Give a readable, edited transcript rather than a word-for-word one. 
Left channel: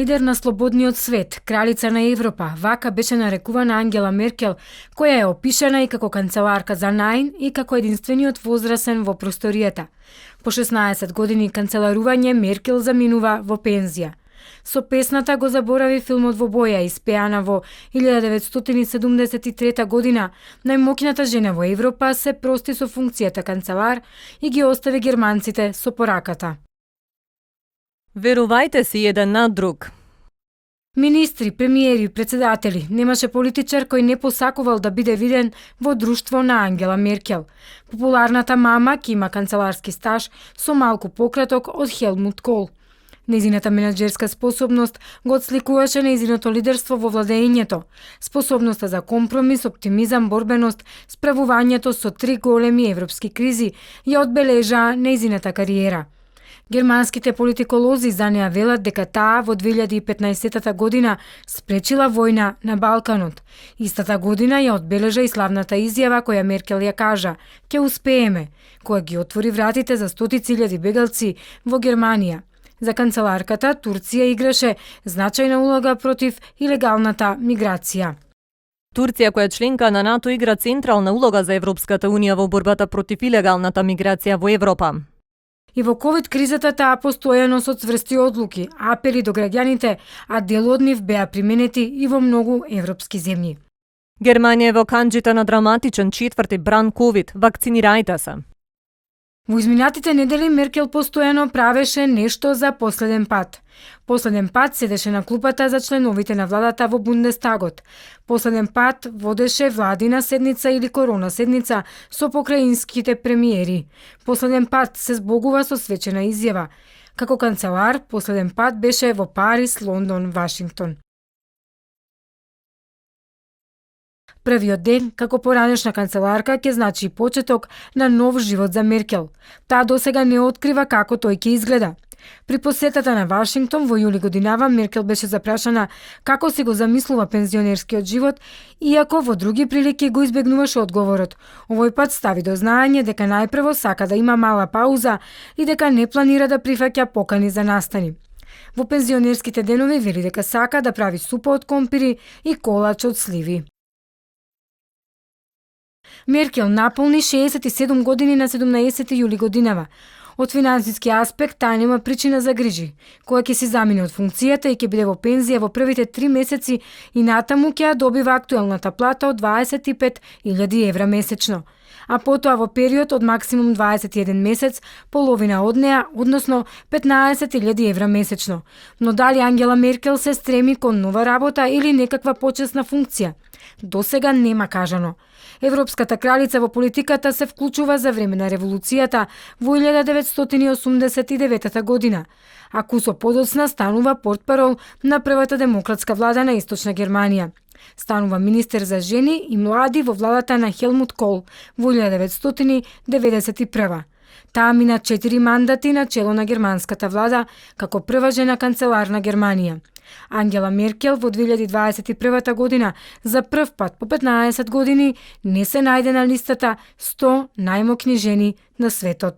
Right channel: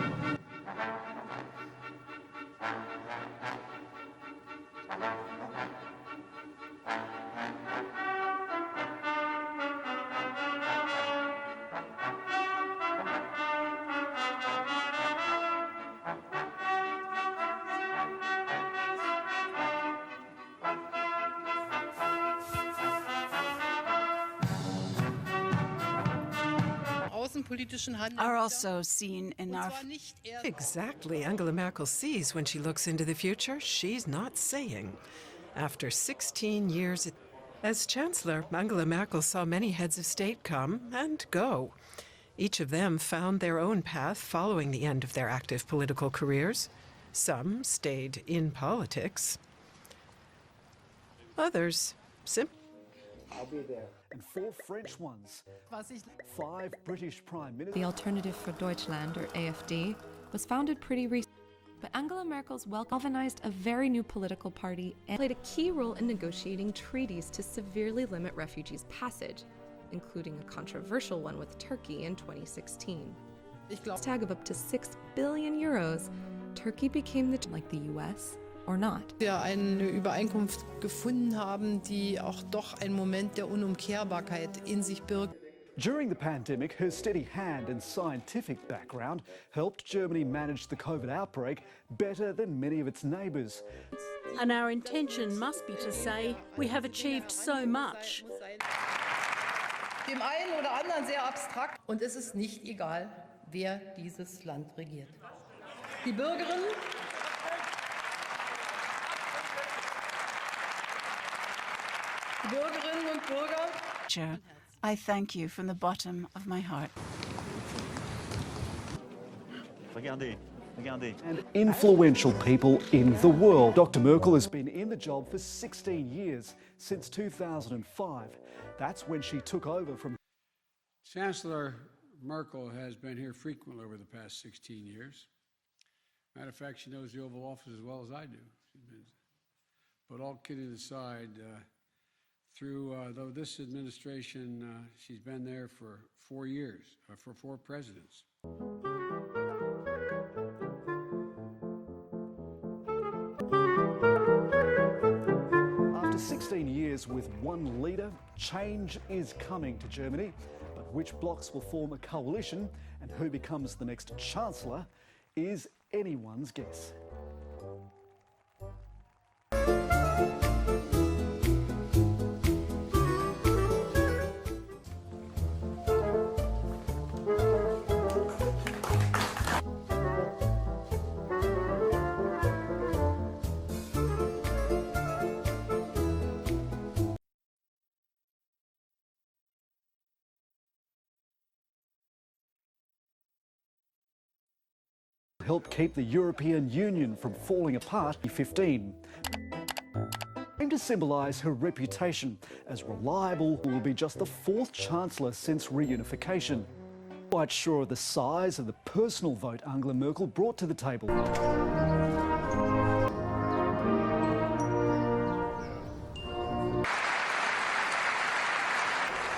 Лидер на слободниот свет, кралица на Европа, вака беше нарекувана Ангела Меркел, која е опишана и како канцеларка за наин и како единствениот возрасен во просторијата. По 16 години канцеларување Меркел заминува во пензија. Со песната го заборави филмот во боја, испеана во 1973 година. Најмоќната жена во Европа се прости со функцијата канцелар и ги остави германците со пораката. Верувајте си еден на друг. Министри, премиери, председатели, немаше политичар кој не посакувал да биде виден во друштво на Ангела Меркел. Популарната мама ки има канцеларски стаж со малку пократок од Хелмут Кол. Незината менаџерска способност го отсликуваше нејзиното лидерство во владеењето, способноста за компромис, оптимизам, борбеност, справувањето со 3 големи европски кризи ја одбележаа нејзината кариера. Германските политиколози за неа велат дека таа во 2015 година спречила војна на Балканот. Истата година ја одбележа и славната изјава која Меркел ја кажа: "Ќе успееме", која ги отвори вратите за стотици илјади бегалци во Германија. За канцеларката Турција играше значајна улога против илегалната миграција. Турција, која е членка на НАТО, игра централна улога за Европската унија во борбата против илегалната миграција во Европа. И во ковид кризата таа постојано со цврсти одлуки, апели до граѓаните, а дел од нив беа применети и во многу европски земји. Германија е во канџите на драматичен 4ти бран ковид. Вакцинирајте се. Во изминатите недели Меркел постојано правеше нешто за последен пат. Последен пат седеше на клупата за членовите на владата во Бундестагот. Последен пат водеше владина седница или корона седница со покраинските премиери. Последен пат се збогува со свечена изјава. Како канцелар, последен пат беше во Париз, Лондон, Вашингтон. Првиот ден, како поранешна канцеларка, ќе значи почеток на нов живот за Меркел. Таа досега не открива како тој ќе изгледа. При посетата на Вашингтон во јули годинава Меркел беше запрашана како си го замислува пензионерскиот живот, иако во други прилики го избегнуваше одговорот. Овој пат стави до знаење дека најпрво сака да има мала пауза и дека не планира да прифаќа покани за настани. Во пензионерските денови вели дека сака да прави супа од компири и колач од сливи. Меркел наполни 67 години на 17 јули годинава. Од финансиски аспект таа нема причина за грижи, која ќе си замине од функцијата и ќе биде во пензија во првите 3 месеци и натаму ќе ја добива актуелната плата од 25.000 евра месечно. А потоа во период од максимум 21 месец, половина од неа, односно 15.000 евра месечно. Но дали Ангела Меркел се стреми кон нова работа или некаква почесна функција? Досега нема кажано. Европската кралица во политиката се вклучува за време на револуцијата во 1989 година, а кусо подоцна станува портпарол на првата демократска влада на Источна Германија. Станува министер за жени и млади во владата на Хелмут Кол во 1991. Таа мина 4 мандати на чело на германската влада како прва жена канцелар на Германија. Ангела Меркел во 2021 година за прв пат по 15 години не се најде на листата 100 најмоćни жени на светот.